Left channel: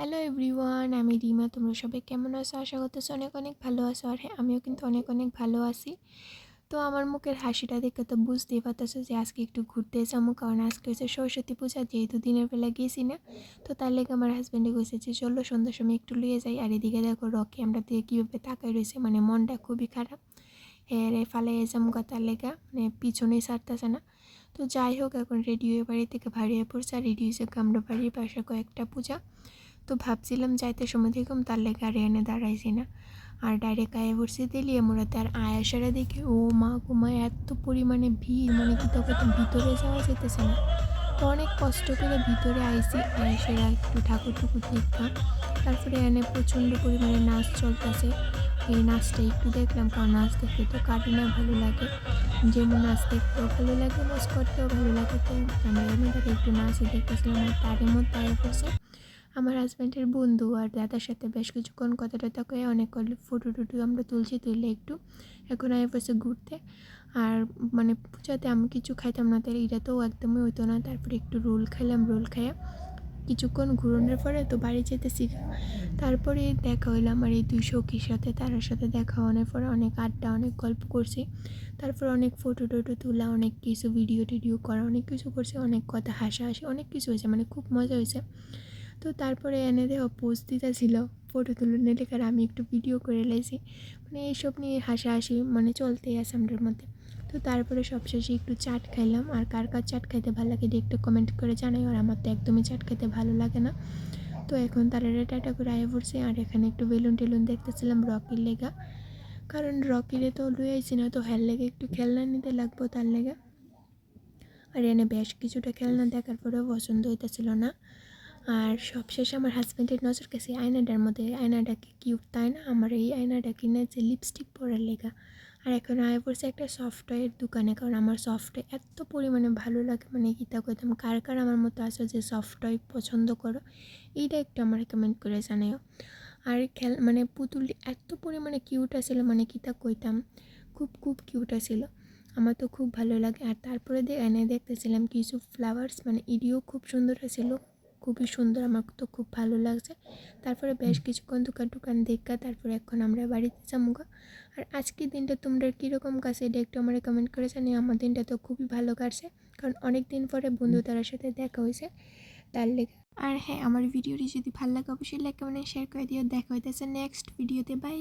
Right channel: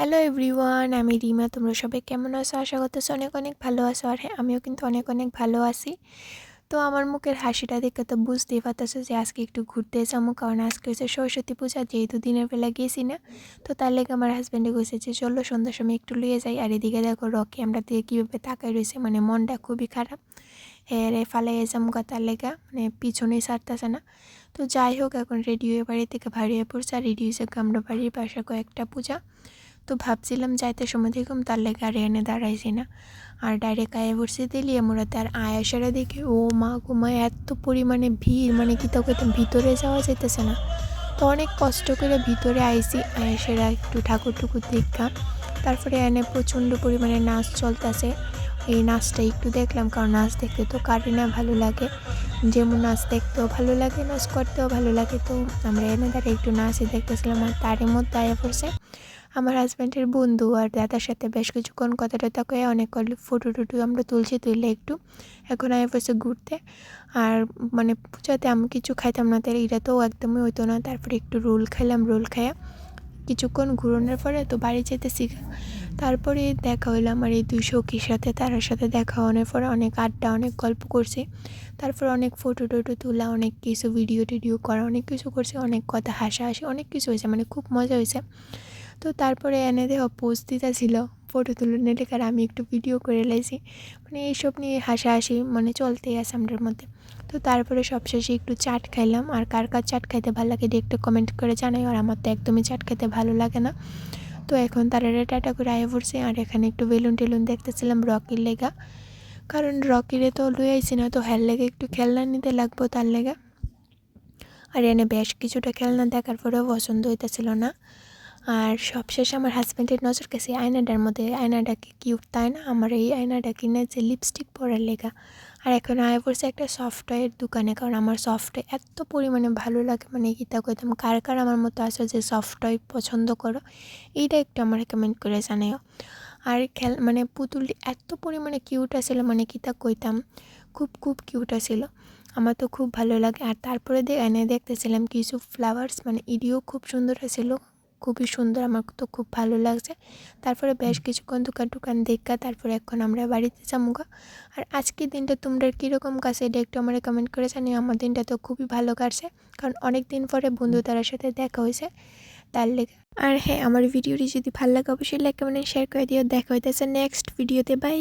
Hello everyone, আমি রিমা। তোমরা সবাই কেমন আছো? আশা করতেছি অনেক অনেক ভালো আছো। আর হ্যাঁ, আমিও কিন্তু অনেক অনেক ভালো আছি। তো আমার মুখের হাসিটা দেখে তো বুঝতেই পারতেছো যে আজকে একটু ঘুরতে যাবো, কারণ আজকে হচ্ছে সরস্বতী পূজা, যেহেতু দিনের বেলা গেছি না। তো তার লেগে আমার হাজব্যান্ডে কইছে যে চলো সন্ধ্যার সময় একটু লুয়ে যাই। আর এদিকে দেখো রকি আমরা দিয়ে কীভাবে তাকাই রয়েছে, মানে মনটা খুবই খারাপ। হ্যাঁ রে ফালাইয়া যামগা, তার লেগা মানে পিছনেই ছাড়তেছে না। তো যাই হোক, এখন রেডি হয়ে বাড়ি থেকে ভারিয়ে পড়ছে। আর রেডি হয়েছে আমরা বাড়ির পাশে কয়েকটা পূজা। তো ভাবছিলাম যাইতে সময় দেখুম, তার লেগে আর এনে দাঁড়াইছি না, আর ডাইরেক্ট আয়া পড়ছি তেলিয়া মোড়াতে। আর আয়াসারা দেখে ও মা গোমা এত পরিমাণে ভিড়, মানে কি তোকে তো ভিতরে যাওয়া যেতেছে না। তো অনেক কষ্ট করে ভিতরে আইসি, আয়াসারা একটু ঠাকুর টুকুর দেখা। তারপরে এনে প্রচণ্ড পরিমাণে নাচ চলতেছে। এই নাচটা একটু দেখলাম, কারণ নাচ দেখতে তো কারি না ভালো লাগে। যেমন নাচ দেখতেও ভালো লাগে, নাচ করতেও ভালো লাগে। তো আমরা এনে দাঁড়িয়ে একটু নাচে দেখতেছিলাম। আর তারই মধ্যে আয়া পড়ছে আমার হাজব্যান্ডের বন্ধু আর দাদার সাথে বেশ কিছুক্ষণ কথা টথা কয়ে অনেক ফটো টুটু আমরা তুলে একটু এখন আমি বসে ঘুরতে। আর মানে পূজাতে আমি কিছু খাইতাম না, তাই এটা তো একদমই হইতো না। তারপরে একটু রোল খাইলাম, রোল খাইয়া কিছুক্ষণ ঘুরানোর পরে তো বাড়ি যেতেছি। তারপরে দেখা হইলো আমার এই দুই সখীর সাথে, তার সাথে দেখা হওয়ার পরে অনেক আড্ডা, অনেক গল্প করছি। তারপর অনেক ফটো টটো তোলা, অনেক কিছু ভিডিও টিডিও করা, অনেক কিছু করছে, অনেক কথা হাসাহাসি, অনেক কিছু হয়েছে, মানে খুব মজা হয়েছে। তো তারপরে এনে দেওয়া পোস্ট দিতে ছিল ফটো তুলে লেখার, আমি একটু ভিডিও করে লাইছি। মানে এইসব নিয়ে হাসাহাসি মানে চলতেই আছে আমাদের মধ্যে। তো তারপরে সবশেষে একটু চাট খাইলাম। আর কার কার চাট খাইতে ভালো লাগে একটু কমেন্ট করে জানাই। আর আমার তো একদমই চাট খেতে ভালো লাগে না। তো এখন তারা টাটা করে আয়ে পড়ছে। আর এখানে একটু বেলুন টেলুন দেখতেছিলাম রকির লেগা, কারণ রকিরে তো লুই আইছি না, তো হের লেগে একটু খেলনা নিতে লাগবো তার লেগা। আর এনে বেশ কিছুটা খেলনা দেখার পরেও পছন্দ হইতেছিল না। আর সবশেষে আমার হাজব্যান্ডের নজর গেছে আয়নাটার মধ্যে। আয়নাটা কি কিউট তাই না? আমার এই আয়নাটা কিনে যে লিপস্টিক পরার লেগা। আর এখন আয়া পড়ছে একটা সফটওয়্যার দোকানে, কারণ আমার সফটওয়্যার এত পরিমাণে ভালো লাগে, মানে কি তা কইতাম। কার কার আমার মতো আছে যে সফটওয়্যার পছন্দ করো, এইটা একটু আমার কমেন্ট করে জানাও। আর মানে পুতুলটি এত পরিমাণে কিউট আছিল, মানে কি তা কইতাম, খুব খুব কিউট আছিল। আমার তো খুব ভালো লাগে। আর তারপরে এনে দেখতেছিলাম কিছু ফ্লাওয়ার্স, মানে ইডিও খুব সুন্দর ছিল, খুবই সুন্দর, আমার তো খুব ভালো লাগছে। তারপরে বেশ কিছুক্ষণ দোকান দেখা তারপরে এখন আমরা বাড়িতে যাবো। আর আজকের দিনটা তোমরা কীরকম কাছে এটা একটু আমার কমেন্ট করে জানিও। আমার দিনটা তো খুবই ভালো কাটছে, কারণ অনেক দিন পরে বন্ধু তার সাথে দেখা হয়েছে, তার লেগে। আর হ্যাঁ, আমার ভিডিওটি যদি ভালো লাগে অবশ্যই লাইক কমেন্ট শেয়ার করে দিও। দেখা হইতেছে নেক্সট ভিডিওতে। বাই।